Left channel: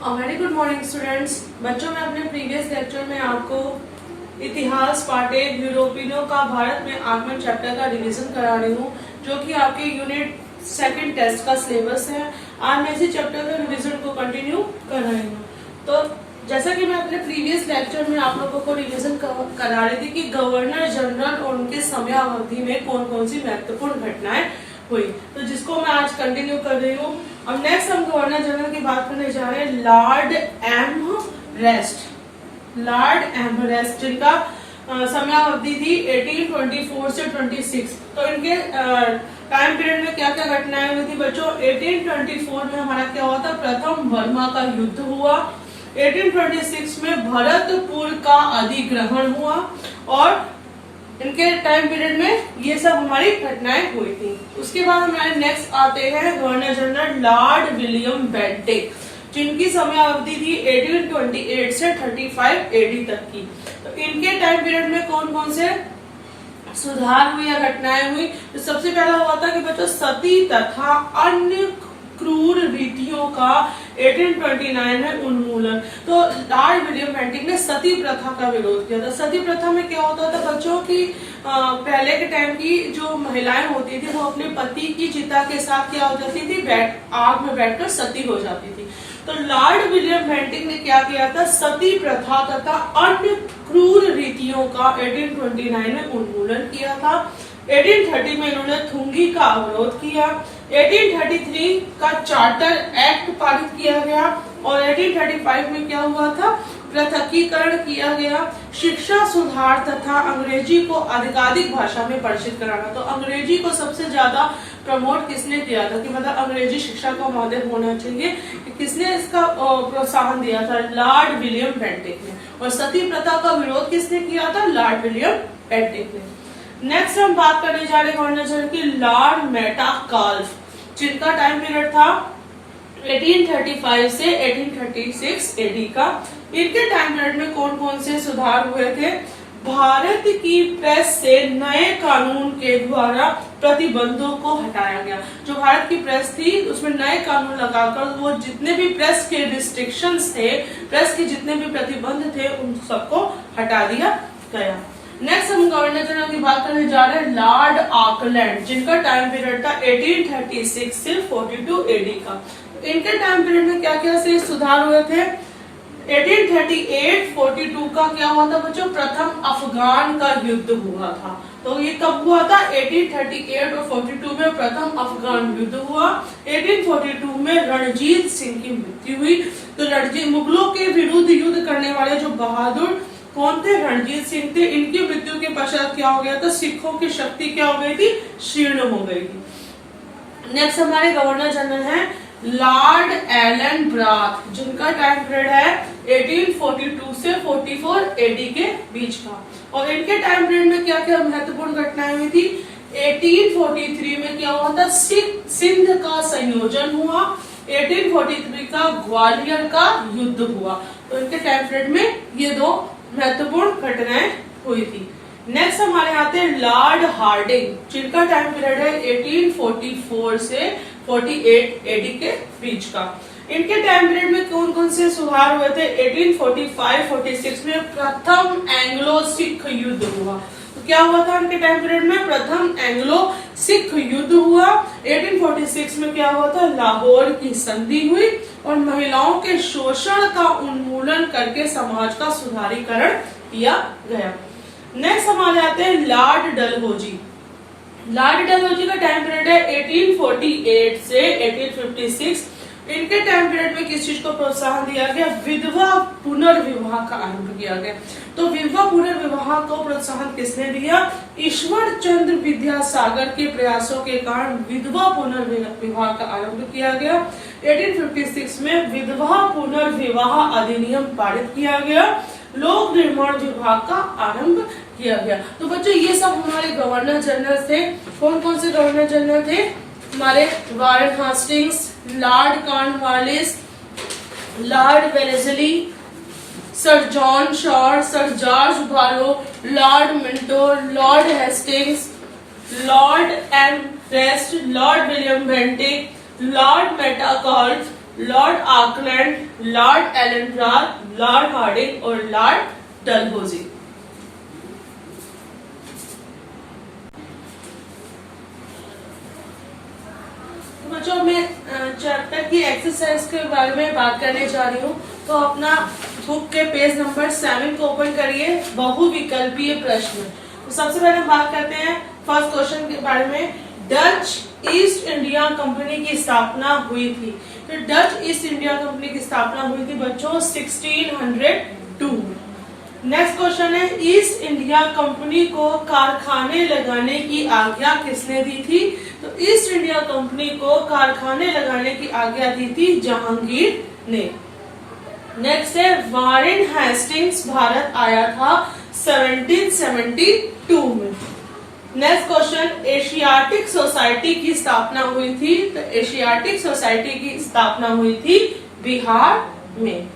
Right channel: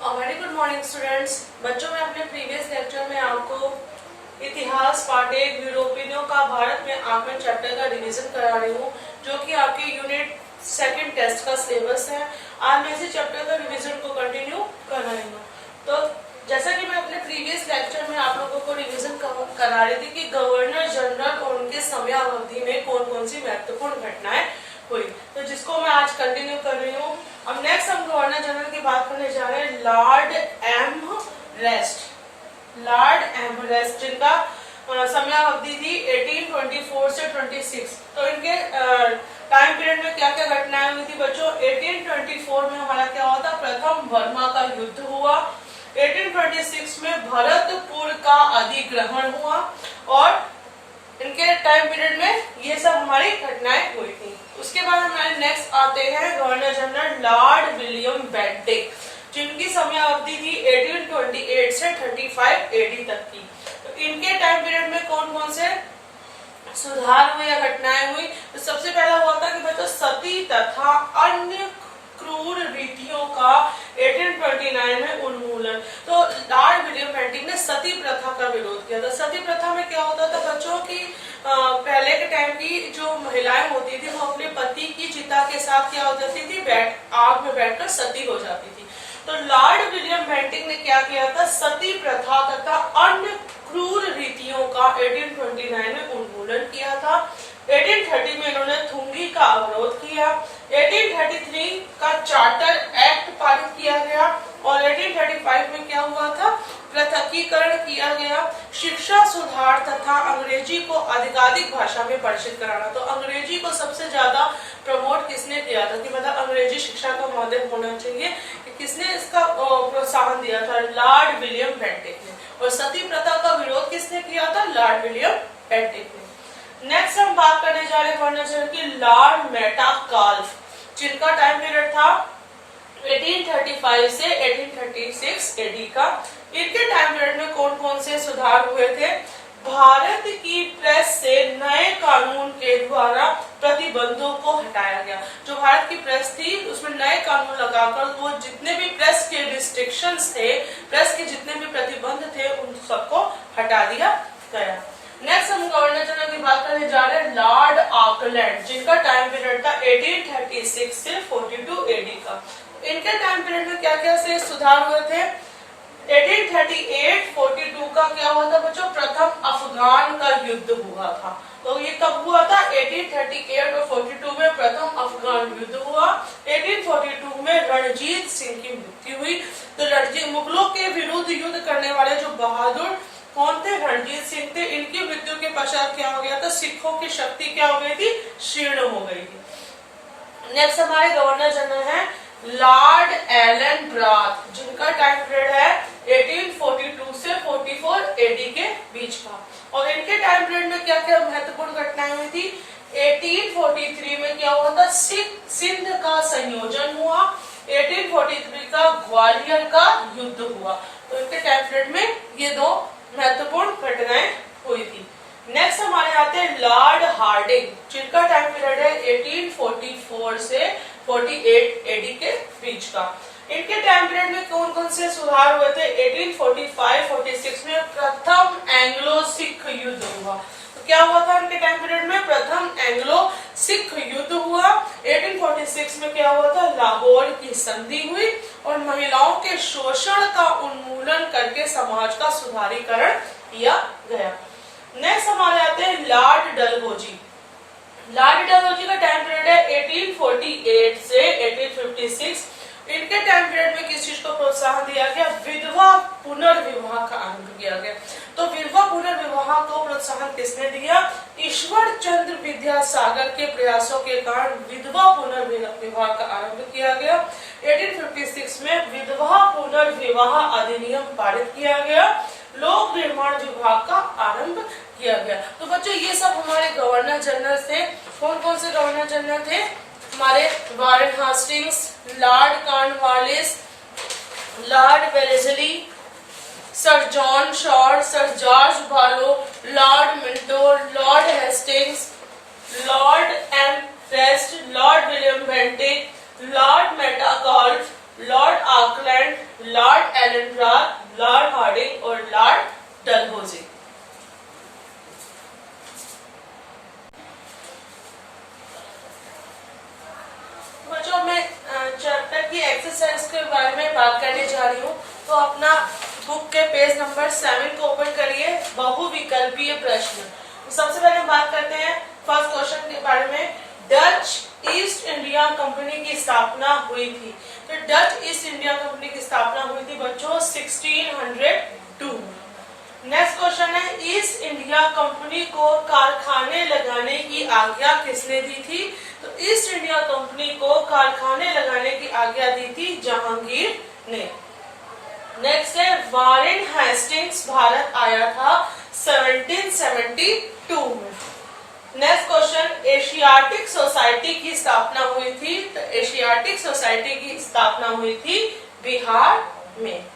Very good morning students. बच्चों, मैं अपने प्रीवियस लेक्चर में आपको इतिहास पार्ट 1 यूरोपियनों का भारत में आगमन चैप्टर का रिवीजन करा रही हूँ, जो कि आपके यूनिट सेकंड टेस्ट का सिलेबस है। आज मैं इसी चैप्टर का रिवीजन को कंटिन्यू कर रही हूँ। तो जैसा कि मैं अपने प्रीवियस लेक्चर में आप लोगों को रिवीजन करा रही थी कि गवर्नर जनरल और उनके समयावधि में कौन कौन सी महत्वपूर्ण घटनाएं हुई, तो जिसको मैं आज कंटिन्यू कर रही हूँ। अब नेक्स्ट हम गवर्नर जनरल की बात करने जा रहे हैं, लॉर्ड एमरेस्ट, जिनका समयावधि थी 1824 से 26। तो इनके टाइम पीरियड में क्या क्या घटनाएं हुई थी बच्चों? 1824 में हमारा क्या हुआ था? प्रथम बर्मा का युद्ध हुआ। 1826 में भरतपुर का अधिग्रहण हुआ और इनके टाइम पीरियड में ये सब हमारी घटनाएं हुई थी। उसके बाद हमारे नेक्स्ट आते हैं governor general Lord William Bentinck, जिनकी समयावधि थी 1828 से 35 एडी तक की। तो इनके टाइम पीरियड में कौन कौन से सुधार हुए या घटनाएं हुई? तो सबसे पहला हुआ था कि बच्चों सती तथा अन्य क्रूर रीतियों का 1829 में उन्मूलन। तो लॉर्ड विलियम बेंटिक ने सती प्रथा का विरोध किया था। सती प्रथा में क्या होता था बच्चों की पहले के टाइम की जो महिलाएं होती थी वो अपने पति की चिता के साथ क्या हो जाती थी? आग में बैठकर सती हो जाती थी। तो लॉर्ड विलियम बेंटिक ने क्या किया था? सती प्रथा तथा अन्य क्रूर रीतियों का 1829 में उन्मूलन किया था। 1830 में इन्होंने थुंगी का अवरोध किया। 1833 का चार्टर एक्ट पारित किया गया और 1835 में क्या हुआ था? पृथकीकरण किया गया। शिक्षा सुधार तथा अंग्रेजी को अधिकाधिक भाषा में परिचित कराना। तो अंग्रेजी को सबसे ज्यादा प्रमोट किसने किया था कि मतलब अंग्रेजी शिक्षा का माध्यम होना चाहिए? किसने इसका प्रोत्साहन दिया था? लॉर्ड विलियम बेंटिक ने। और सती प्रथा का विरोध किसने किया था? लॉर्ड विलियम बेंटिक ने। नेक्स्ट हम बात करने जा रहे हैं गवर्नर जनरल की लॉर्ड मेटाकाल्फ, जिनका टाइम पीरियड था 1835 से 1836 एडी का। इनके टाइम पीरियड में कौन कौन से सुधार हुए थे? भारत की प्रेस से नए कानून के द्वारा प्रतिबंधों को हटाया गया। जो भारत की प्रेस थी उसमें नए कानून लगाकर वो जितने भी प्रेस के रिस्ट्रिक्शंस थे, प्रेस के जितने भी प्रतिबंध थे, उन सबको हटा दिया गया। नेक्स्ट हम गवर्नर जनरल की बात करने जा रहे हैं लॉर्ड ऑकलैंड, जिनका टाइम पीरियड था 1836 से 42 एडी का। इनके टाइम पीरियड में क्या क्या से सुधार हुए थे? 1838-42 का क्या हुआ था बच्चों? प्रथम अफगान का युद्ध हुआ था। तो ये कब हुआ था? 1838 और 42 में प्रथम अफगान युद्ध हुआ। 1842 में रणजीत सिंह की मृत्यु हुई। तो मुगलों के विरुद्ध युद्ध करने वाले जो बहादुर कौन थे? रणजीत सिंह थे। इनकी मृत्यु के पश्चात क्या हो गया था? सिखों की शक्ति क्या हो गई थी? क्षीण हो गई थी। नेक्स्ट हमारे गवर्नर जनरल हैं लॉर्ड एलन ब्राथ, जिनका टाइम पीरियड है 1842 से 44 एडी के बीच का। और इनके टाइम पीरियड में क्या क्या महत्वपूर्ण घटनाएं हुई थी? 1843 में क्या हुआ था? सिंध का संयोजन हुआ। 1843 का ग्वालियर का युद्ध हुआ। तो इनके टाइम पीरियड में ये दो महत्वपूर्ण घटनाएं हुई थी। नेक्स्ट हमारे आते हैं लॉर्ड हार्डिंग, जिनका टाइम पीरियड है 1844 से 48 एडी के बीच का। इनके टाइम पीरियड में कौन कौन से सुधार हुए थे? 1845-46 में प्रथम एंग्लो सिख युद्ध हुआ। तो क्या हुआ था इनके टाइम पीरियड में? प्रथम एंग्लो सिख युद्ध हुआ। 1846 में क्या हुआ था? लाहौर की संधि हुई और महिलाओं के शोषण का उन्मूलन करके समाज का सुधारीकरण किया गया। नेक्स्ट हमारे आते हैं लॉर्ड डलहौजी। लॉर्ड डलहौजी का टाइम पीरियड है 1848 से 1856। इनके टाइम पीरियड में किस चीज को प्रोत्साहन दिया गया? विधवा पुनर्विवाह का आरंभ किया गया। तो विधवा पुनर्विवाह को प्रोत्साहन किसने दिया? ईश्वर चंद्र विद्यासागर के प्रयासों के कारण विधवा पुनर्विवाह का आरंभ किया गया। 1856 में विधवा पुनर्विवाह अधिनियम पारित किया गया। लोक निर्माण विभाग का आरंभ किया गया। तो बच्चों ये सब हमारे गवर्नर जनरल थे। कौन कौन से गवर्नर जनरल थे? हमारे Warren Hastings, lord Cornwallis, lord Wellesley, sir John Shore, sir George Barlow, lord Minto, lord Hastings, lord Amherst, lord William Bentinck, lord Metcalfe, lord Auckland, lord Ellenborough, lord Hardinge और lord Dalhousie. बच्चों मैं chapter की exercise के बारे में बात करने जा रही हूँ। तो अपना बुक के पेज नंबर 7 को ओपन करिए, बहुविकल्पीय प्रश्न। तो सबसे पहले हम बात करते हैं फर्स्ट क्वेश्चन के बारे में। डच ईस्ट इंडिया कंपनी की स्थापना हुई थी। तो डच ईस्ट इंडिया कंपनी की स्थापना हुई थी बच्चों 1602। नेक्स्ट क्वेश्चन है, ईस्ट इंडिया कंपनी को कारखाने लगाने की आज्ञा किसने दी थी? तो ईस्ट इंडिया कंपनी को कारखाने लगाने की आज्ञा दी थी जहांगीर ने। नेक्स्ट है, वारेन हेस्टिंग्स भारत आया था 1772 में। नेक्स्ट क्वेश्चन, एशियाटिक सोसाइटी की स्थापना हुई थी। तो एशियाटिक सोसाइटी की स्थापना हुई थी बिहार में।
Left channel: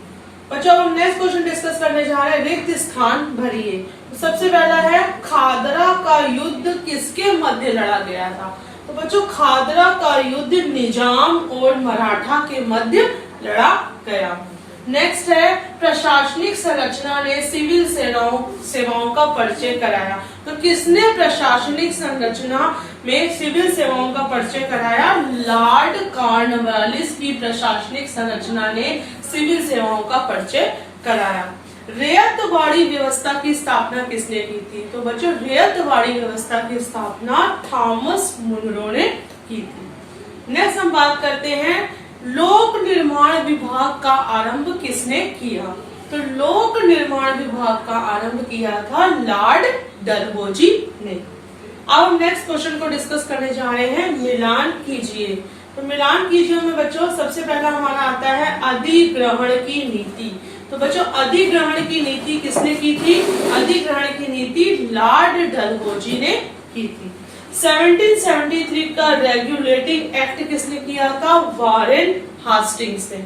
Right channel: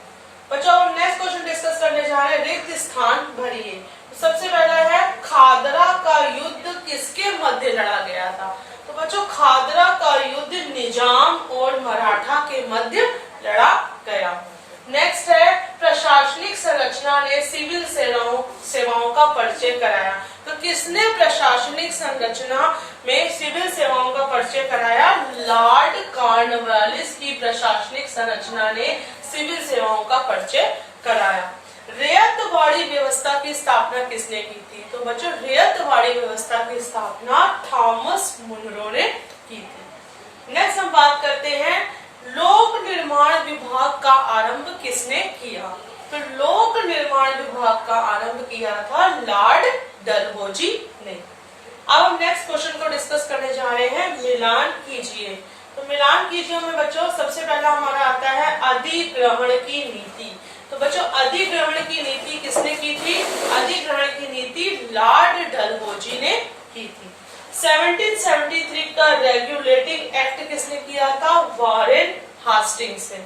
बच्चों हम नेक्स्ट क्वेश्चन डिस्कस करने जा रहे हैं, रिक्त स्थान भरिए। तो सबसे पहला है, खादरा का युद्ध किसके मध्य लड़ा गया था? तो बच्चों खादरा का युद्ध निजाम और मराठा के मध्य लड़ा गया। नेक्स्ट है, प्रशासनिक संरचना ने सिविल सेवाओं का परिचय कराया। तो किसने प्रशासनिक संरचना में सिविल सेवाओं का परिचय कराया? लॉर्ड कॉर्नवालिस की प्रशासनिक संरचना ने सिविल सेवाओं का परिचय कराया। रैयतवाड़ी व्यवस्था की स्थापना किसने की थी? तो बच्चों रैयतवाड़ी व्यवस्था की स्थापना थॉमस मुनरो ने की थी। नेक्स्ट हम बात करते हैं, लोक निर्माण विभाग का आरंभ किसने किया? तो लोक निर्माण विभाग का आरंभ किया था लॉर्ड डलहौजी ने। अब हम नेक्स्ट क्वेश्चन को डिस्कस करने जा रहे हैं, मिलान कीजिए। तो मिलान कीजिए में बच्चों सबसे पहला हमारा आता है अधिग्रहण की नीति। तो बच्चों अधिग्रहण की नीति किसने की थी? अधिग्रहण की नीति लॉर्ड डलहौजी ने की थी। 1773 का रेगुलेटिंग एक्ट किसने किया था? वारेन हास्टिंग्स ने।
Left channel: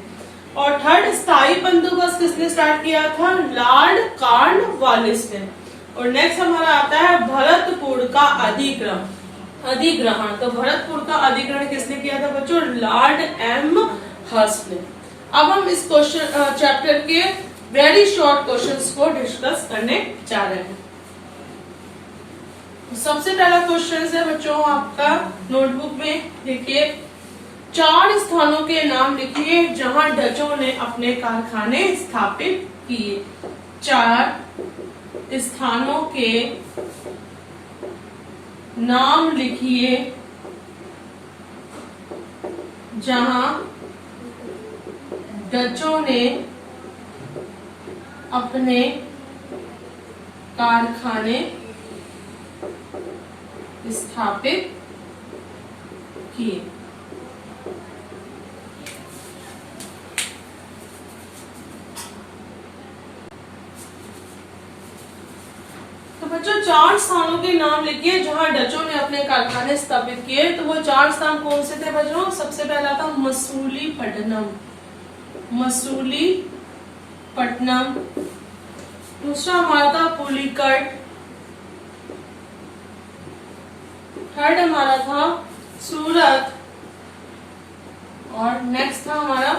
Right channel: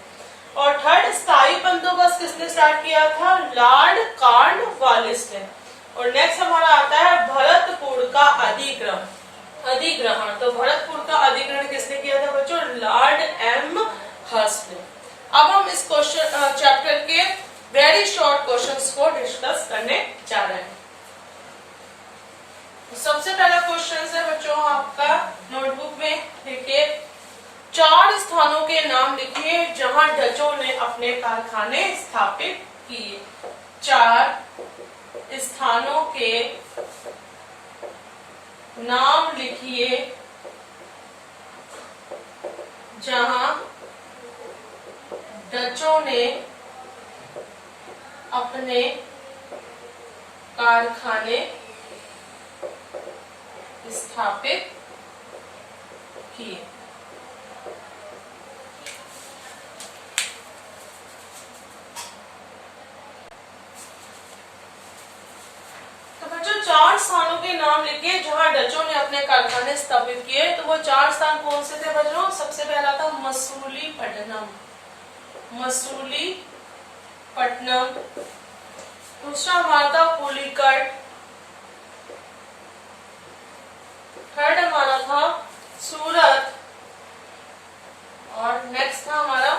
और थर्ड स्थायी बंदोबस्त किसने स्टार्ट किया था? लॉर्ड कॉर्नवालिस ने। और नेक्स्ट हमारा आता है भरतपुर का अधिग्रहण। तो भरतपुर का अधिग्रहण किसने किया था बच्चों? लॉर्ड एम हर्स्ट ने। अब हम इस क्वेश्चन चैप्टर के वेरी शॉर्ट क्वेश्चंस को डिस्कस करने जा रहे हैं। सबसे पहला क्वेश्चन है बच्चों आपका नोटबुक में लिखिए, 4 स्थानों के नाम लिखिए जहां डचों ने अपने कारखाने स्थापित किए। 4 स्थानों के नाम लिखिए जहां डचों ने अपने कारखाने स्थापित किए। तो बच्चों 4 स्थानों के नाम लिखिए जहां डचों ने अपने कारखाने स्थापित किए। तो वो 4 स्थान कौन से थे बच्चों? सबसे पहला था मसूलीपट्टनम। दूसरा हमारा था पुलिकट। थर्ड हमारा था सूरत। और नेक्स्ट था हमारा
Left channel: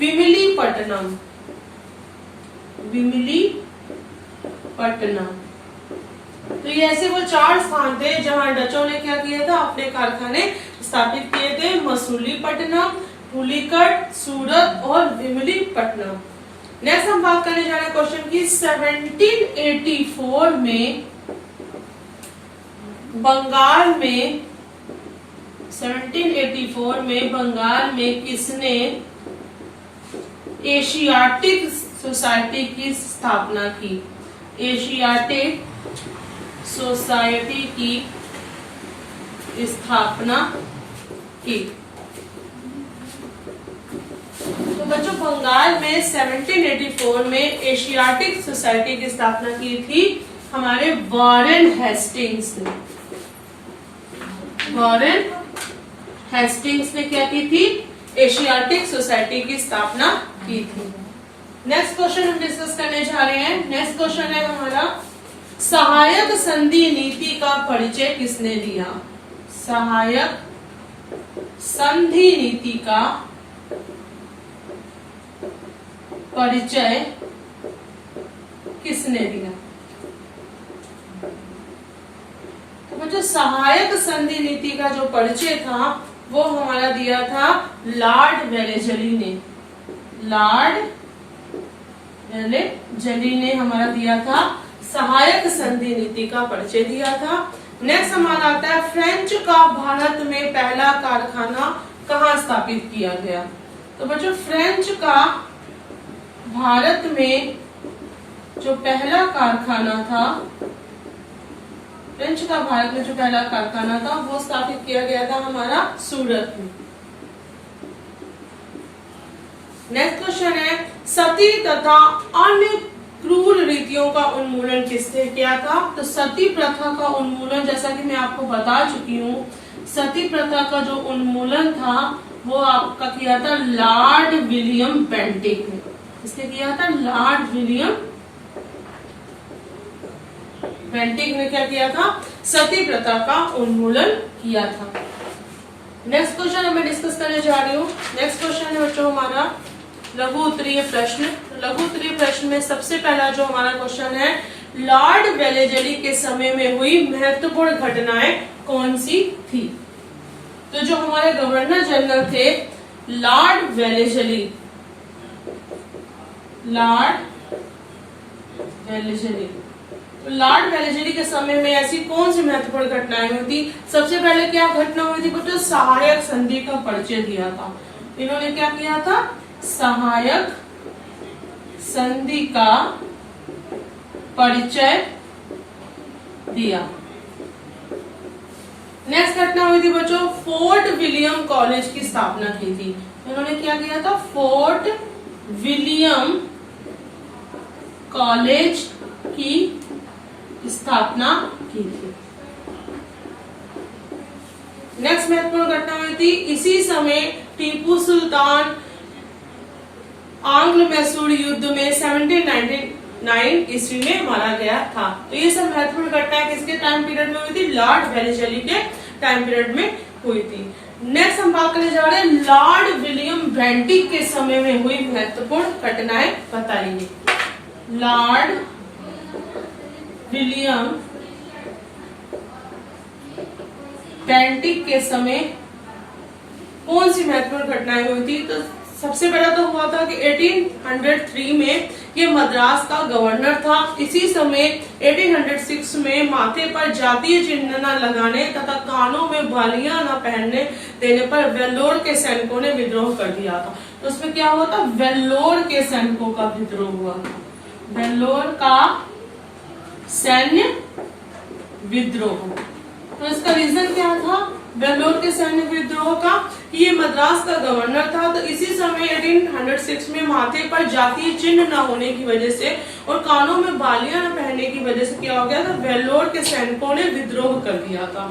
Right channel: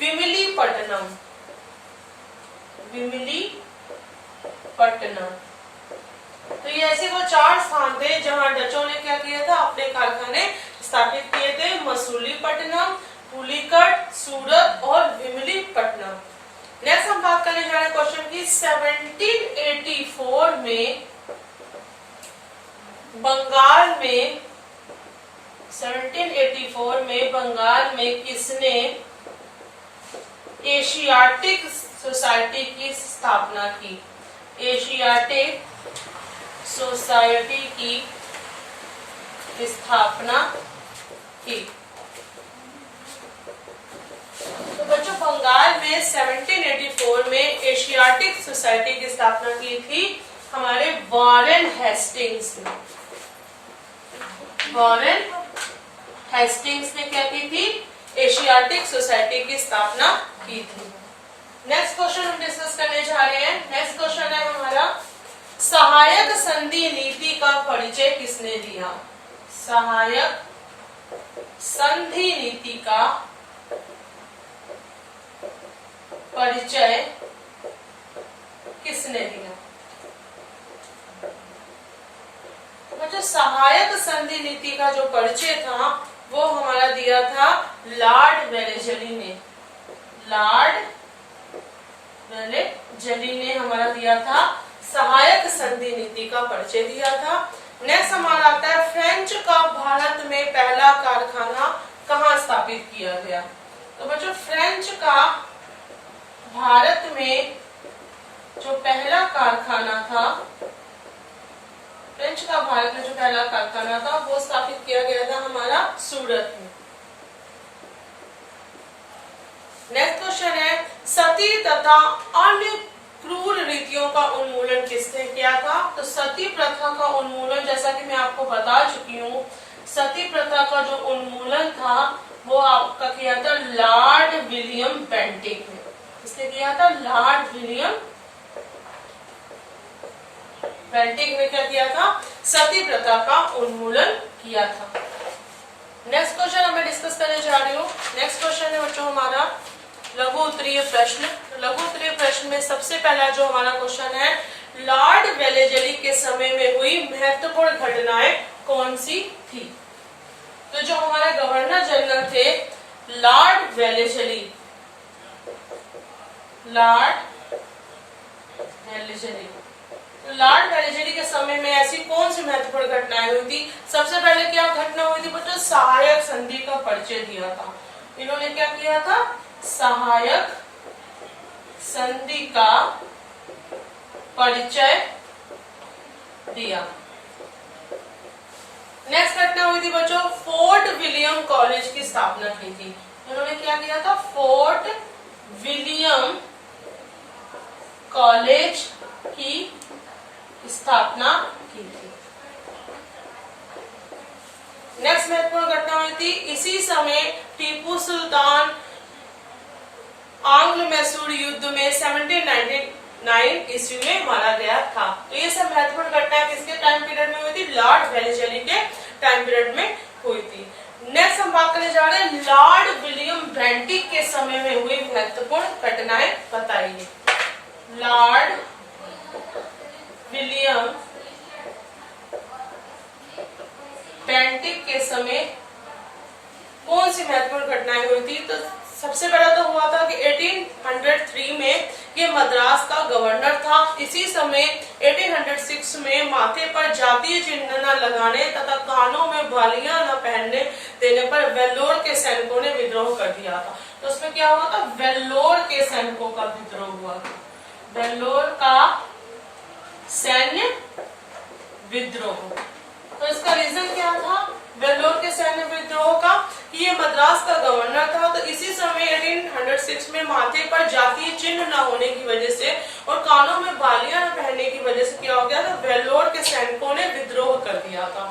विमिलीपट्टनम। तो ये ऐसे वो 4 स्थान थे जहां डचों ने क्या किया था? अपने कारखाने स्थापित किए थे। मसूलीपट्टनम, पुलिकट, सूरत और विमिलीपट्टनम। नेक्स्ट हम बात करने जा रहे हैं क्वेश्चन की, 1784 में बंगाल में किसने एशियाटिक सोसाइटी की स्थापना की? एशियाटिक सोसाइटी की स्थापना की। तो बच्चों बंगाल में 1784 में एशियाटिक सोसाइटी की स्थापना की थी हमारे वारेन हेस्टिंग्स ने। वारेन हेस्टिंग्स ने क्या की थी? एशियाटिक सोसाइटी की स्थापना की थी। नेक्स्ट क्वेश्चन हम डिस्कस करने जा रहे हैं। नेक्स्ट क्वेश्चन है हमारा, सहायक संधि नीति का परिचय किसने दिया? सहायक संधि नीति का परिचय किसने दिया? तो बच्चों सहायक संधि नीति का जो परिचय था वो हमारा दिया था लॉर्ड वेलेजली ने। लॉर्ड वेलेजली ने हमारा दिया था सहायक संधि नीति का परिचय दिया था। नेक्स्ट हमारा आता है फ्रेंच का भारत में पहला कारखाना कहाँ स्थापित किया गया? तो बच्चों फ्रेंच का भारत में जो पहला कारखाना था, फ्रेंच का भारत में जो पहला कारखाना था वो स्थापित किया गया था हमारा सूरत में। नेक्स्ट क्वेश्चन है सती तथा अन्य क्रूर रीतियों का उन्मूलन किसने किया था? तो सती प्रथा का उन्मूलन जैसा कि मैं आपको बता चुकी हूँ, सती प्रथा का जो उन्मूलन था वो आपका किया था लॉर्ड विलियम बेंटिक ने। किसने किया था? लॉर्ड विलियम बेंटिक ने क्या किया था? सती प्रथा का उन्मूलन किया था। नेक्स्ट क्वेश्चन मैं डिस्कस करने जा रही हूँ। नेक्स्ट क्वेश्चन है बच्चों हमारा लघु उत्तरीय प्रश्न। लघु उत्तरीय प्रश्न में सबसे पहला जो हमारा क्वेश्चन है लॉर्ड वेलेजली के समय में हुई महत्वपूर्ण घटनाएं कौन सी थी? तो जो हमारे गवर्नर जनरल थे लॉर्ड वेलेजली, लॉर्ड वेलेजली के समय में ऐसी कौन सी महत्वपूर्ण घटनाएं हुई थी? सबसे पहले क्या घटना हुई थी बच्चों? सहायक संधि का परिचय दिया था। इन्होंने क्या किया था? सहायक संधि का परिचय दिया। नेक्स्ट घटना हुई थी बच्चों फोर्ट विलियम कॉलेज की स्थापना की थी। इन्होंने क्या किया था? फोर्ट विलियम कॉलेज की स्थापना की थी। नेक्स्ट महत्वपूर्ण घटना हुई थी इसी समय टीपू सुल्तान आंग्ल मैसूर युद्ध में 1799 ईस्वी में मारा गया था। तो ये सब महत्वपूर्ण घटनाएं किसके टाइम पीरियड में हुई थी? लॉर्ड वेलेजली के टाइम पीरियड में हुई थी। नेक्स्ट हम बात करने जा रहे हैं लॉर्ड विलियम बेंटिक के समय में हुई महत्वपूर्ण घटनाएं बताइए। लॉर्ड विलियम बेंटिक के समय कौन सी महत्वपूर्ण घटनाएं हुई थी? तो सबसे पहला तो हुआ था कि 1803 में ये मद्रास का गवर्नर था। इसी समय 1806 में माथे पर जातीय चिन्ह न लगाने तथा कानों में बालियां न पहनने देने पर वेल्लोर के सैनिकों ने विद्रोह कर दिया था। तो उसमें क्या हुआ था? वेल्लोर के सैनिकों का विद्रोह हुआ था। वेल्लोर का सैन्य विद्रोह। तो इसका रीजन क्या था वेल्लोर के सैन्य विद्रोह का? ये मद्रास का गवर्नर था। तो इसी समय 1806 में माथे पर जातीय चिन्ह न होने की वजह से और कानों में बालियां न पहनने की वजह से क्या हो गया था? वेल्लोर के सैनिकों ने विद्रोह कर दिया था।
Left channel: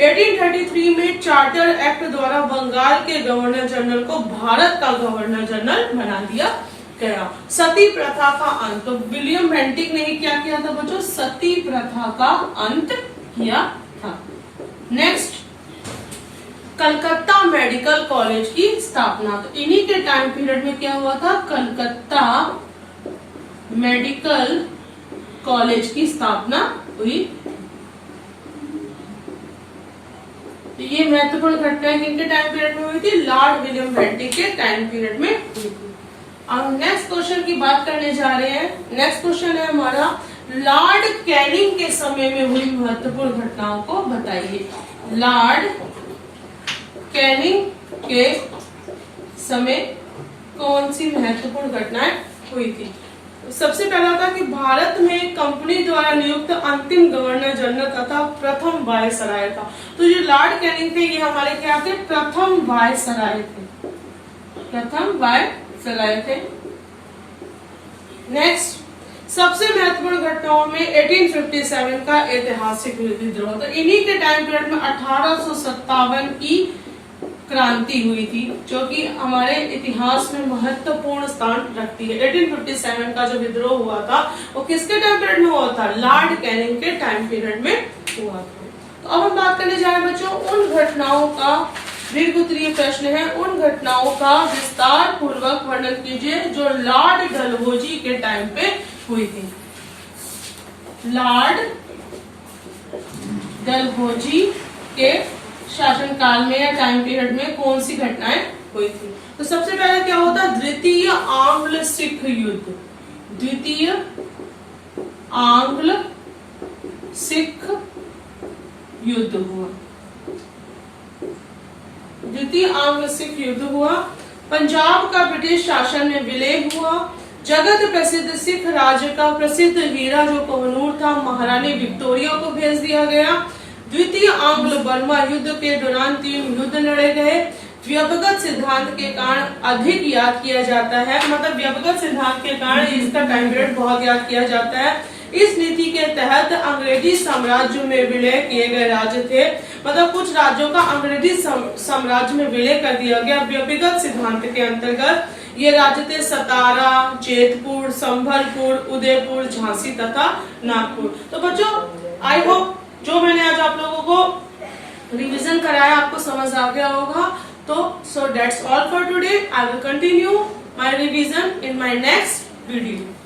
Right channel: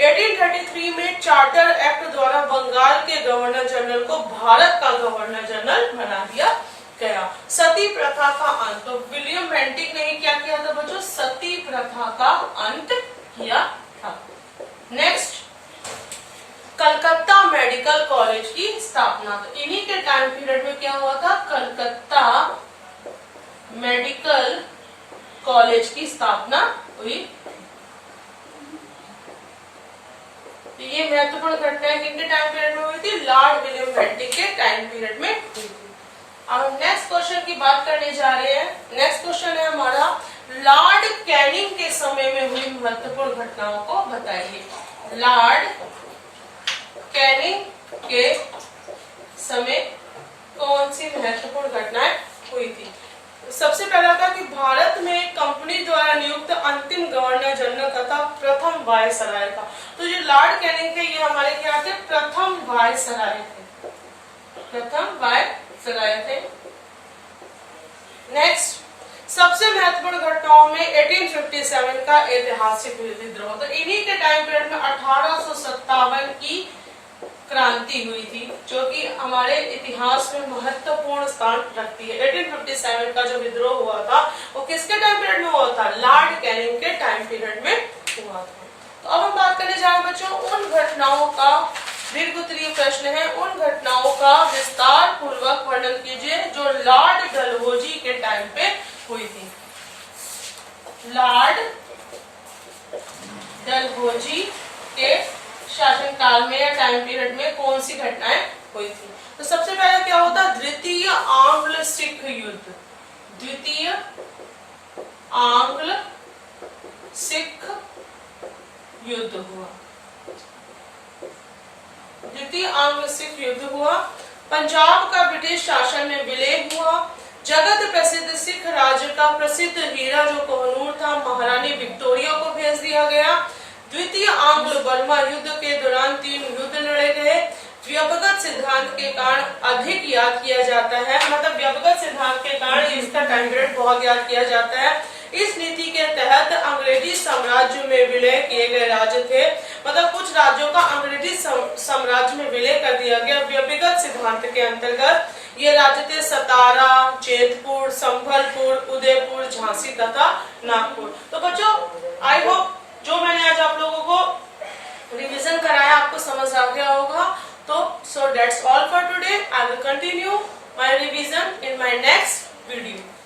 1833 में चार्टर एक्ट द्वारा बंगाल के गवर्नर जनरल को भारत का गवर्नर जनरल बना दिया गया। सती प्रथा का अंत। तो विलियम बेंटिक ने क्या किया था बच्चों? सती प्रथा का अंत किया था। नेक्स्ट कलकत्ता मेडिकल कॉलेज की स्थापना। तो इन्हीं के टाइम पीरियड में क्या हुआ था? कलकत्ता मेडिकल कॉलेज की स्थापना हुई। तो ये महत्वपूर्ण घटनाएं किनके टाइम पीरियड में हुई थी? लॉर्ड विलियम बेंटिक के टाइम पीरियड में हुई थी। अब हम नेक्स्ट क्वेश्चन की बात करने जा रहे हैं। नेक्स्ट क्वेश्चन है हमारा लॉर्ड कैनिंग के समय में हुई महत्वपूर्ण घटनाओं को बताइए। लॉर्ड कैनिंग के समय कौन सी महत्वपूर्ण घटनाएं हुई थी? सबसे पहला था कि भारत में कंपनी द्वारा नियुक्त अंतिम गवर्नर जनरल तथा प्रथम वायसराय था। तो जो लॉर्ड कैनिंग थे ये हमारे क्या थे? प्रथम वायसराय थे। प्रथम वायसराय थे। नेक्स्ट सबसे महत्वपूर्ण घटनाओं में 1857 का ऐतिहासिक विद्रोह। तो इन्हीं के टाइम पीरियड में 1857 की क्रांति हुई थी जो कि हमारे इतिहास में महत्वपूर्ण स्थान रखती है। 1857 का जो विद्रोह हुआ था वो किसके टाइम पीरियड में हुआ था? लॉर्ड कैनिंग के टाइम पीरियड में हुआ था। तो अब हम बात करने जा रहे हैं बच्चों उन घटनाओं का दीर्घ उत्तरीय प्रश्न है, उन घटनाओं का विस्तार पूर्वक वर्णन कीजिए जो लॉर्ड डलहौजी के टाइम पे हुई थी। लॉर्ड डलहौजी के शासनकाल में या टाइम पीरियड में कौन सी घटनाएं हुई थी। तो सबसे पहले क्या होता, द्वितीय आंग्ल सिख युद्ध। द्वितीय आंग्ल सिख युद्ध हुआ। द्वितीय आंग्ल सिख युद्ध हुआ। पंजाब का ब्रिटिश शासन में विलय हुआ। जगत प्रसिद्ध सिख राज्य का प्रसिद्ध हीरा जो कोहनूर था, महारानी विक्टोरिया को भेज दिया गया। द्वितीय आंग्ल बर्मा युद्ध के दौरान 3 युद्ध लड़े गए। व्यक्तिगत सिद्धांत के कारण अधिक याद किया जाता है, मतलब व्यक्तिगत सिद्धांत के कारण इसका टाइम पीरियड बहुत याद किया जाता है। इस नीति के तहत अंग्रेजी साम्राज्य में विलय किए गए राज्य थे, मतलब कुछ राज्यों का अंग्रेजी साम्राज्य में विलय कर दिया गया। व्यक्तिगत सिद्धांत के अंतर्गत ये राज्य थे सतारा, जेतपुर, संभलपुर, उदयपुर, झांसी तथा नागपुर। तो बच्चों आई होप जो मैंने आज आप लोगों को रिवीजन कराया आपको समझ आ गया होगा। तो so that's all for today. I will continue my revision in my next video.